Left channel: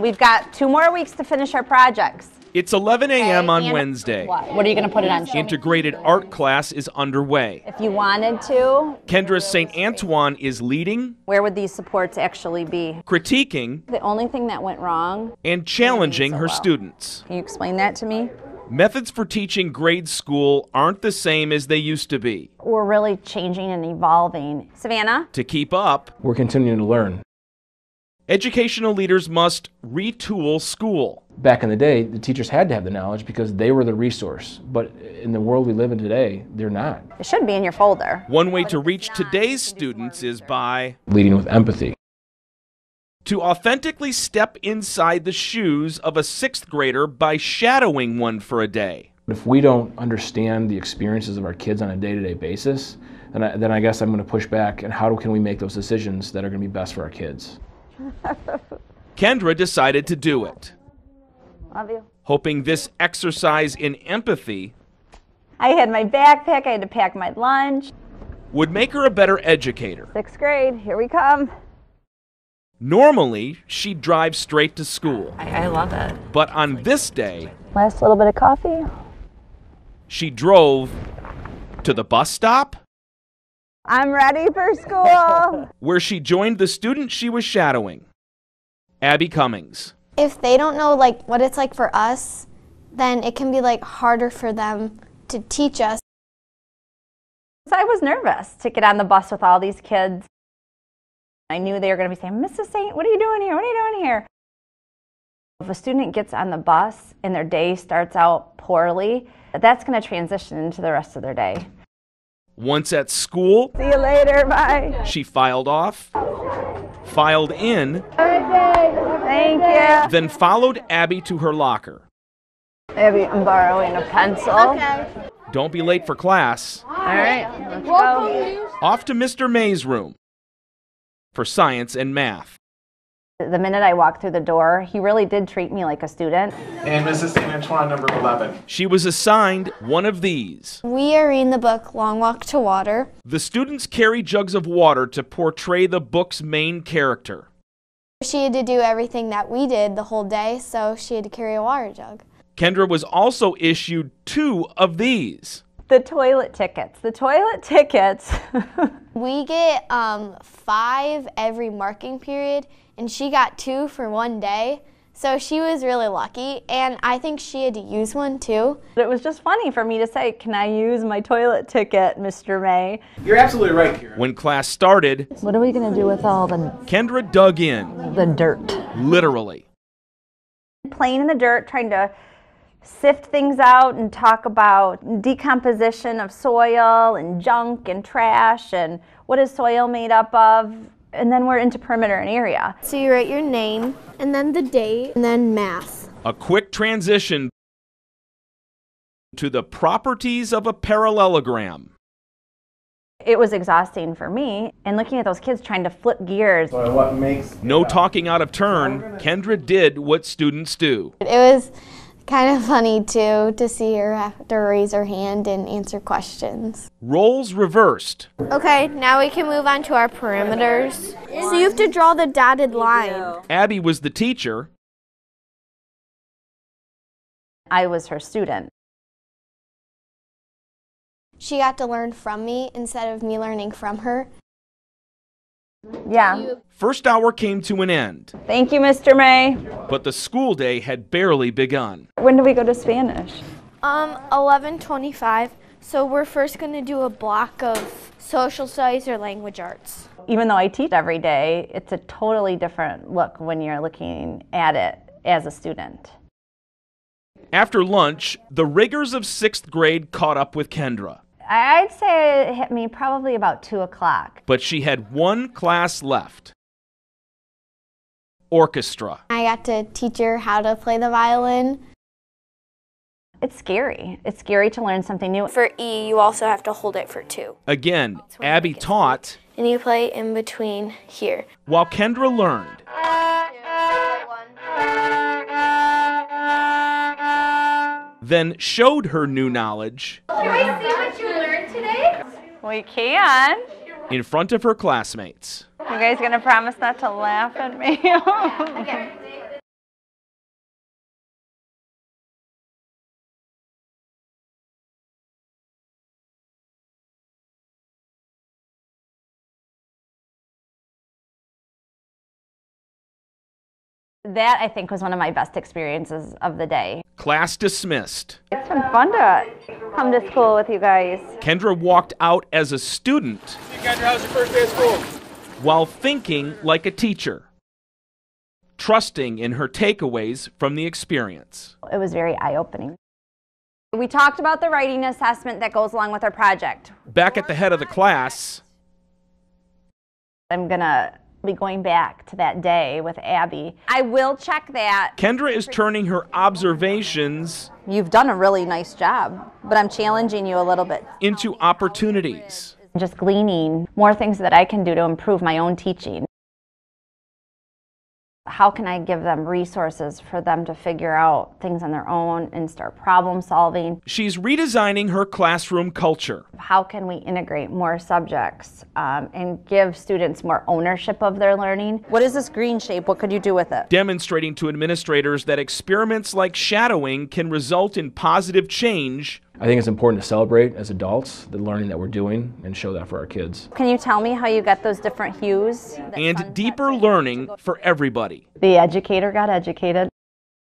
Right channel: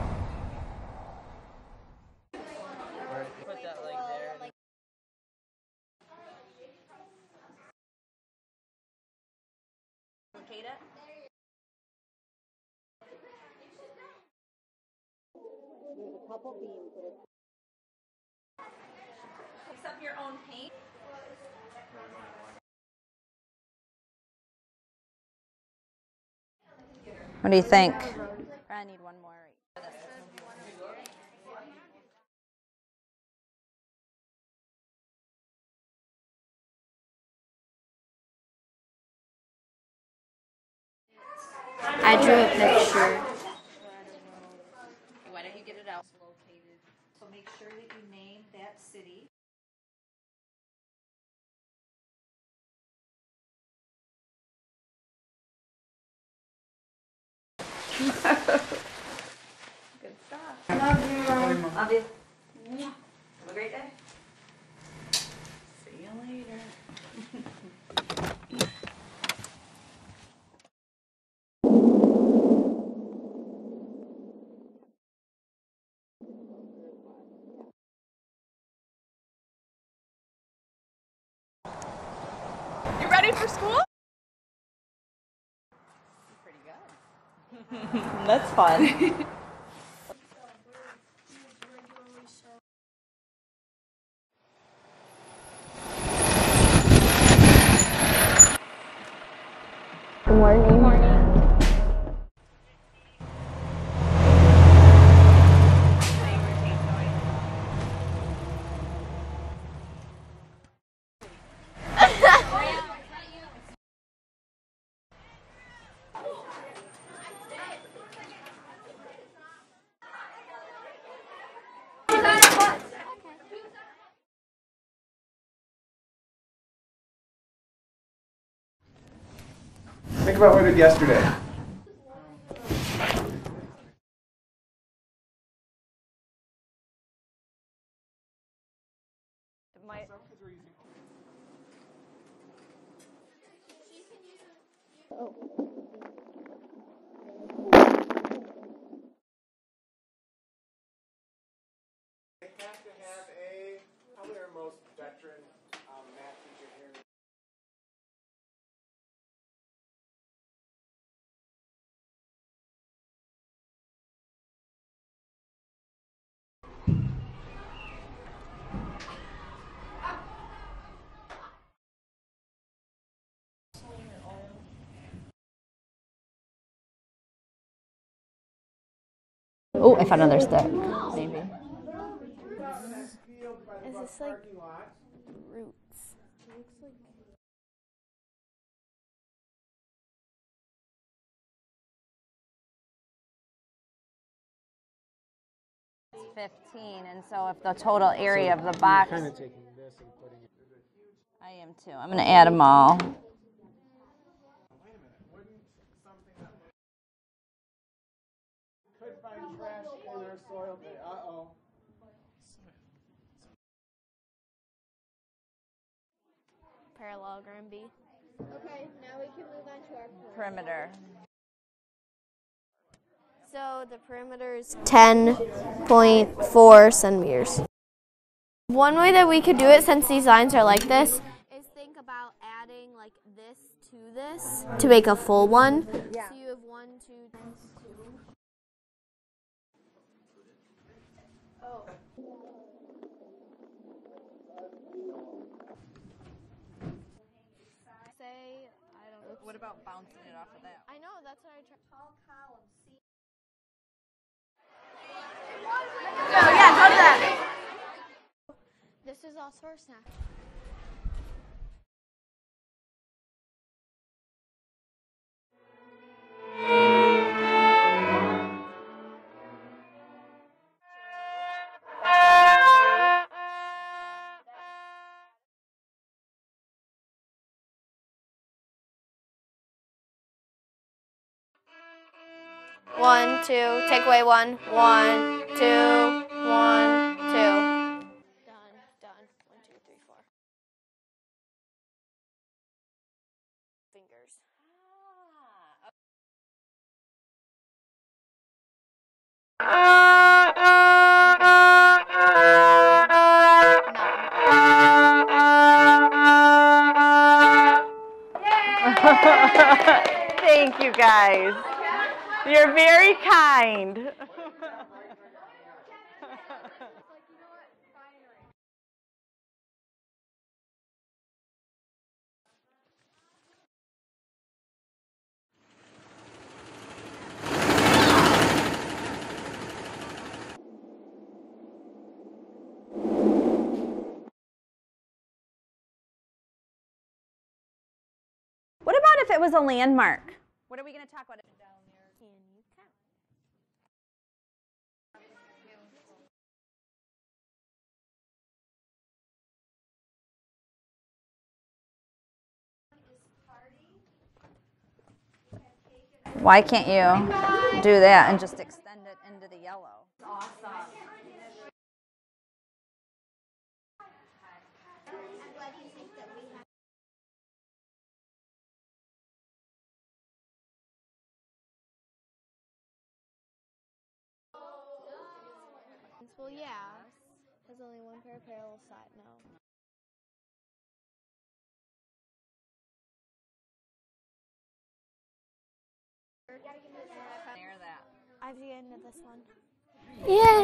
We've got 2 more weeks to finish our projects. It's 11 a.m. on Wednesday. What are you going to put it on? Integrated art class is underway. If you wanted to. Kendra St. Antoine is leading, Where would these supports actually be? critiquing, The only thing that went wrong. and challenging her students. Can you explain that to me? Methods for teaching grade school aren't the same as they used to be. We're really changing and evolving. Savannah, To keep up, We're continuing to learn. what do you think? educational leaders must retool school. Back in the day, the teachers had to have the knowledge because they were the resource. But in the world we live in today, they're not. It should be in your folder. One way to reach today's students is by Leading with empathy. I drew a picture. to authentically step inside the shoes of a 6th grader by shadowing one for a day. If we don't understand the experiences of our kids on a day-to-day basis, then I guess I'm going to push back. And how can we make those decisions that are going to be best for our kids? Kendra decided to do it, Love you. hoping this exercise in empathy I had my backpack, I had to pack my lunch. would make her a better educator. 6th grade, here we come. Normally, she'd drive straight to school, I love it. but on this day, Last little bit of coffee. she drove to the bus stop, You ready for school? I'm ready for school. where she joined the student she was shadowing, That's fun. Abby Cummings. If they don't know what it's like for us, then it can be harder for them to teach us. I was nervous to get on the bus with all these kids. Good morning. I knew they were going to be saying, Mrs. Saint, what are you doing here? What are you doing here? The student gets on the bus and their day starts out poorly. That's going to transition into the rest of their day. Once at school, See you later. Bye. she filed off, filed in, Thank you. then followed Abby to her locker. Abby, I'm borrowing a pencil. Don't be late for class. All right, let's go. Off to Mr. May's room Think about what we did yesterday. for science and math. The minute I walked through the door, he really did treat me like a student. And Mrs. St. Antoine, number 11. She was assigned one of these. We are reading the book Long Walk to Water. The students carry jugs of water to portray the book's main character. She had to do everything that we did the whole day, so she had to carry a water jug. Kendra was also issued 2 of these. The toilet tickets. The toilet tickets. We get 5 every marking period, and she got 2 for one day. So she was really lucky, and I think she had to use one too. It was just funny for me to say, can I use my toilet ticket, Mr. May? You're absolutely right, Karen. When class started, What are we going to do with all Kendra dug in, the dirt? literally. Oh, I found another stick. Playing in the dirt, trying to sift things out and talk about decomposition of soil and junk and trash and what is soil made up of. And then we're into perimeter and area. So you write your name, and then the date, and then math. A quick transition The total area of the box. to the properties of a parallelogram. I'm going to add them all. It was exhausting for me, and looking at those kids trying to flip gears. So what makes No talking out of turn, Kendra did what students do. It was kind of funny too to see her have to raise her hand and answer questions. Roles reversed. Okay, now we can move on to our perimeters. So you have to draw the dotted line. Abby was the teacher. 10.4 centimeters. I was her student. One way that we could do it, since these lines are like this, she got to learn from me instead of me learning from her to make a full one. Yeah. First hour came to an end, Thank you, Mr. May. but the school day had barely begun. When do we go to Spanish? 11:25. So we're first going to do a block of social studies or language arts. Even though I teach every day, it's a totally different look when you're looking at it as a student. After lunch, the rigors of 6th grade caught up with Kendra, I'd say it hit me probably about 2 o'clock. but she had one class left. Orchestra. I got to teach her how to play the violin. It's scary. It's scary to learn something new. For E, you also have to hold it for 2. Again, Abby taught And you play in between here. while Kendra learned. 1, 2, take away 1. 1, 2, 1, 2. Then showed her new knowledge Can we see what you learned today? We can. in front of her classmates. You guys gonna promise not to laugh at me? Thank you guys. You're very kind. That, I think, was one of my best experiences of the day. Class dismissed. It's been fun to come to school with you guys. Kendra walked out as a student Hey, Kendra, how's your first day of school? while thinking like a teacher, trusting in her takeaways from the experience. It was very eye-opening. We talked about the writing assessment that goes along with our project. Back at the head of the class, What about if it was a landmark? I'm gonna be going back to that day with Abby. I will check that. Kendra is turning her observations You've done a really nice job, but I'm challenging you a little bit. into opportunities. Just gleaning more things that I can do to improve my own teaching. Why can't you do that? And just how can I give them resources for them to figure out things on their own and start problem solving? She's redesigning her classroom culture. How can we integrate more subjects and give students more ownership of their learning? What is this green shape? What could you do with it? Demonstrating to administrators that experiments like shadowing can result in positive change. I think it's important to celebrate as adults the learning that we're doing and show that for our kids. Can you tell me how you get those different hues? And deeper learning for everybody. The educator got educated. Yay!